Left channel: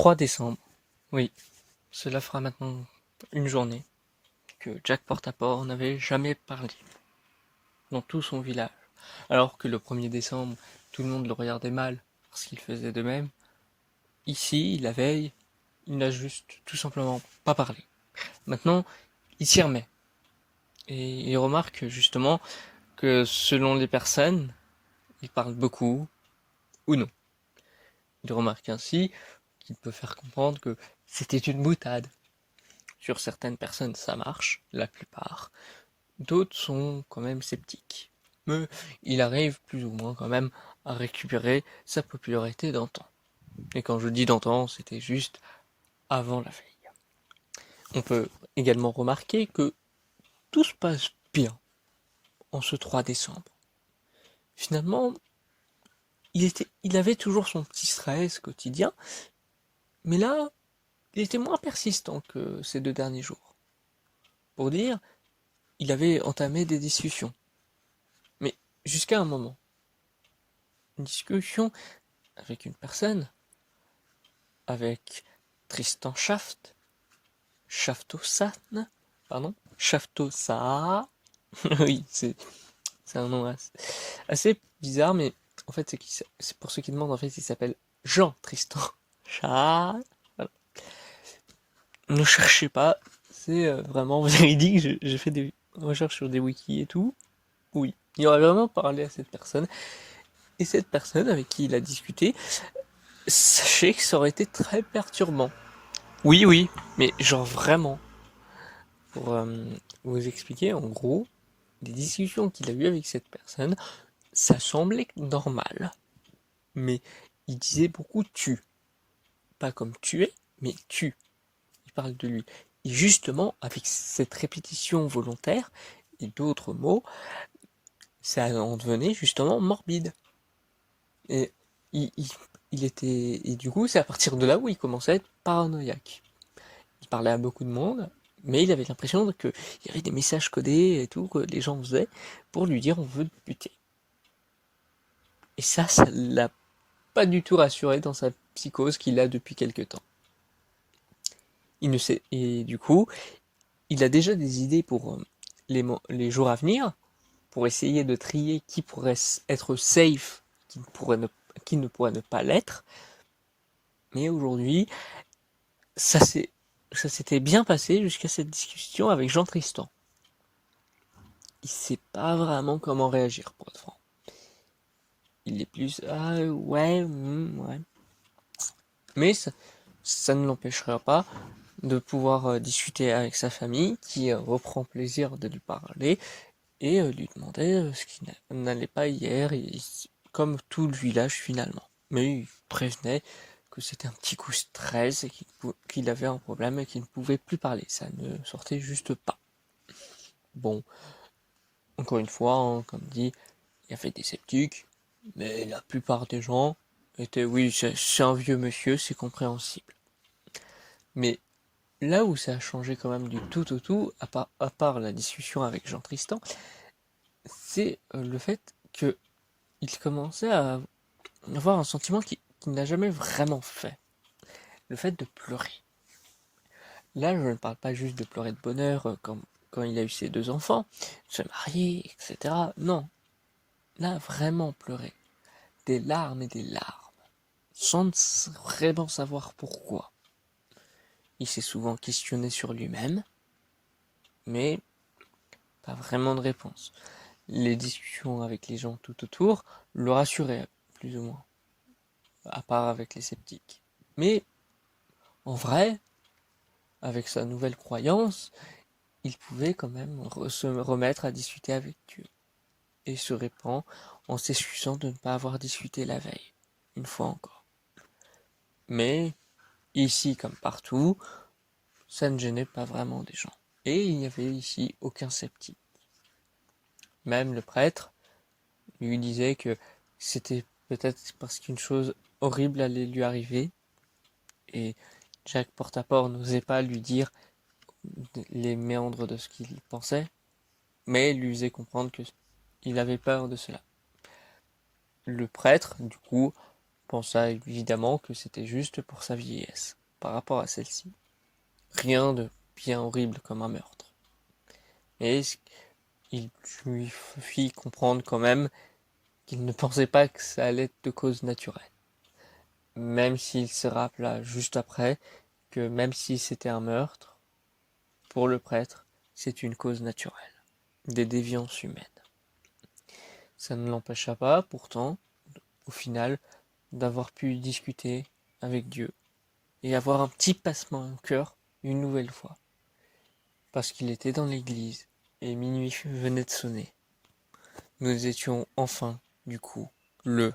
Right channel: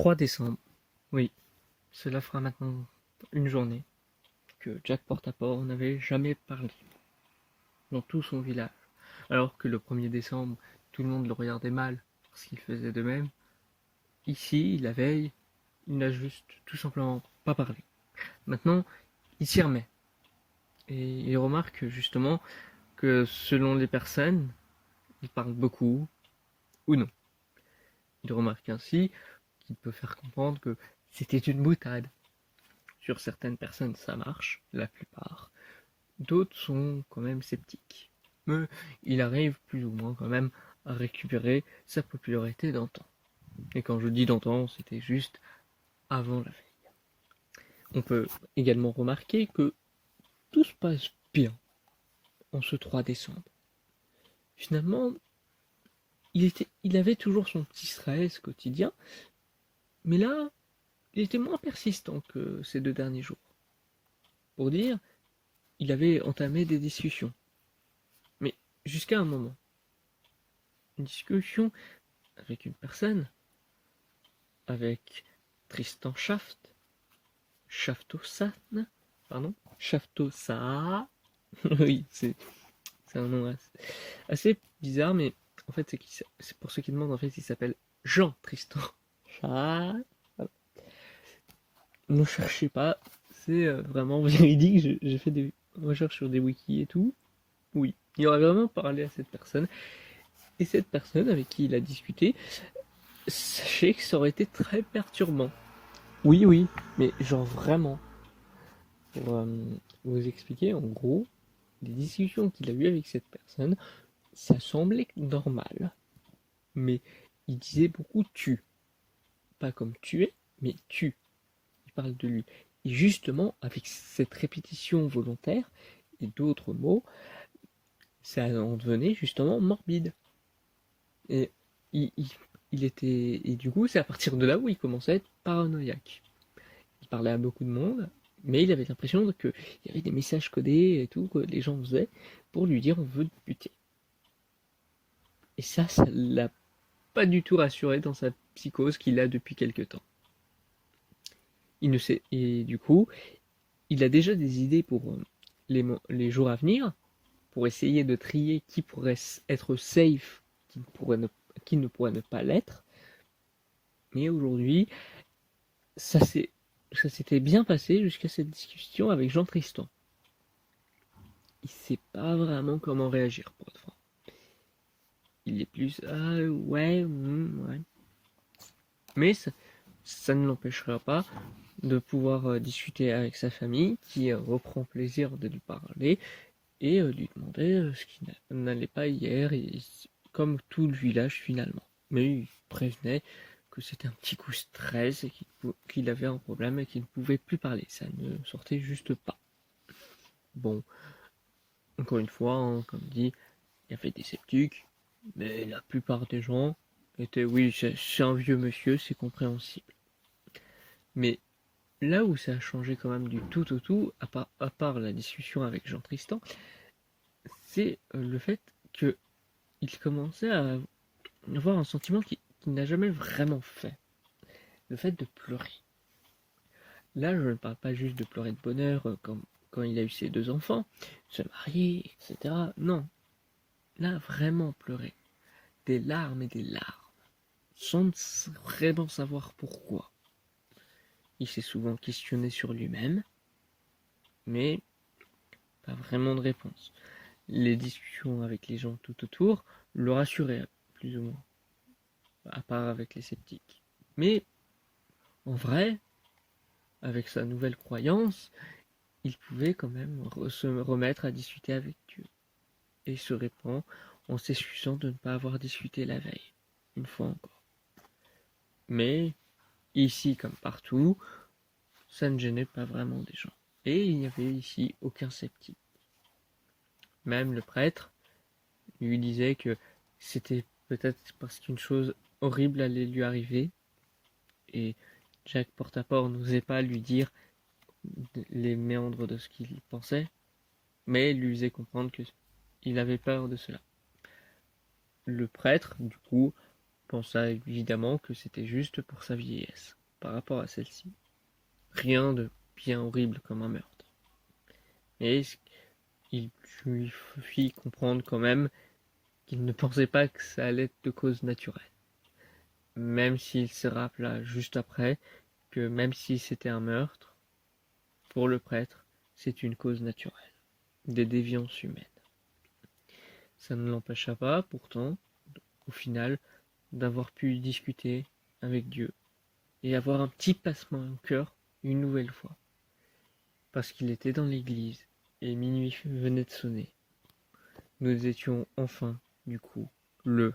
3 décembre. Oui, cela fera maintenant une journée que Jack Porte-à-Porte n'avait jamais parlé dans tout son village. Alors que le 1er décembre, tout le monde le regardait mal parce qu'il faisait de même. Ici, la veille, il n'a juste tout simplement pas parlé. Maintenant, il s'y remet. Et il remarque justement que selon les personnes, il parle beaucoup ou non. Il remarque ainsi qu'il peut faire comprendre que c'était une boutade. Sur certaines personnes, ça marche, la plupart. D'autres sont quand même sceptiques. Mais il arrive plus ou moins quand même à récupérer sa popularité d'antan. Et quand je dis d'antan, c'était juste avant la veille. On peut également remarquer que tout se passe bien en ce 3 décembre. Finalement, il avait toujours son petit stress quotidien, mais là, il était moins persistant que ces 2 derniers jours. Pour dire, il avait entamé des discussions. Mais jusqu'à un moment. Une discussion avec une personne, avec Tristan Shaftossan, pardon, Shaftosa. Oui, c'est un nom assez bizarre, mais en fait, c'est pour ceux qui demandent, en fait, il s'appelle Jean Tristan Chat. Voilà. Ne cherchez pas, c'est vraiment véridique. J'ai fait des recherches sur des wikis et tout. Oui, il aurait vraiment parlé à cette personne. Et cette personne avec qui il a discuté, sachez que ça aurait été très perturbant. Oui, oui, mais genre vraiment. Pour vous expliquer, en gros, les discussions qu'il a eues avec cette personne, ça semblait normal. Mais il disait beaucoup tu. Pas comme tu es, mais tu. Il parle de lui. Et justement, avec cette répétition volontaire et d'autres mots, ça en devenait justement morbide. Et il, il, il était. Et du coup, c'est à partir de là où il commençait à être paranoïaque. Il parlait à beaucoup de monde, mais il avait l'impression qu'il y avait des messages codés et tout que les gens faisaient pour lui dire on veut te buter. Et ça l'a pas du tout rassuré dans sa psychose qu'il a depuis quelque temps. Il ne sait, et du coup, il a déjà des idées pour les jours à venir, pour essayer de trier qui pourrait être safe, qui ne pourrait ne pas l'être. Mais aujourd'hui, ça s'était bien passé jusqu'à cette discussion avec Jean Tristan. Il sait pas vraiment comment réagir, pour être franc. Il est plus ouais, ouais. Mais ça ne l'empêchera pas de pouvoir discuter avec sa famille qui reprend plaisir de lui parler et lui demander ce qui n'allait pas hier, comme tout le village finalement. Mais il prévenait que c'était un petit coup stress et qu'il avait un problème et qu'il ne pouvait plus parler. Ça ne sortait juste pas. Bon, encore une fois, hein, comme dit, il y avait des sceptiques, mais la plupart des gens étaient oui, c'est un vieux monsieur, c'est compréhensible. Mais là où ça a changé quand même du tout au tout, à part la discussion avec Jean Tristan, c'est le fait que il commençait à avoir un sentiment qu'il n'a jamais vraiment fait. Le fait de pleurer. Là, je ne parle pas juste de pleurer de bonheur comme quand il a eu ses 2 enfants, se marier, etc. Non. Là, vraiment pleurer. Des larmes et des larmes. Sans vraiment savoir pourquoi. Il s'est souvent questionné sur lui-même, mais pas vraiment de réponse. Les discussions avec les gens tout autour le rassuraient, plus ou moins, à part avec les sceptiques. Mais en vrai, avec sa nouvelle croyance, il pouvait quand même se remettre à discuter avec Dieu. Et se répand en s'excusant de ne pas avoir discuté la veille, une fois encore. Mais ici comme partout, ça ne gênait pas vraiment des gens. Et il n'y avait ici aucun sceptique. Même le prêtre lui disait que c'était peut-être parce qu'une chose horrible allait lui arriver. Et Jack Porte-à-Porte n'osait pas lui dire les méandres de ce qu'il pensait, mais lui faisait comprendre qu'il avait peur de cela. Le prêtre, du coup, pensa évidemment que c'était juste pour sa vieillesse, par rapport à celle-ci. Rien de bien horrible comme un meurtre. Et il lui fit comprendre quand même qu'il ne pensait pas que ça allait être de cause naturelle. Même s'il se rappela juste après que même si c'était un meurtre, pour le prêtre, c'est une cause naturelle, des déviances humaines. Ça ne l'empêcha pas, pourtant, au final, d'avoir pu discuter avec Dieu et avoir un petit passement au cœur une nouvelle fois. Parce qu'il était dans l'église et minuit venait de sonner. Nous étions enfin, du coup, le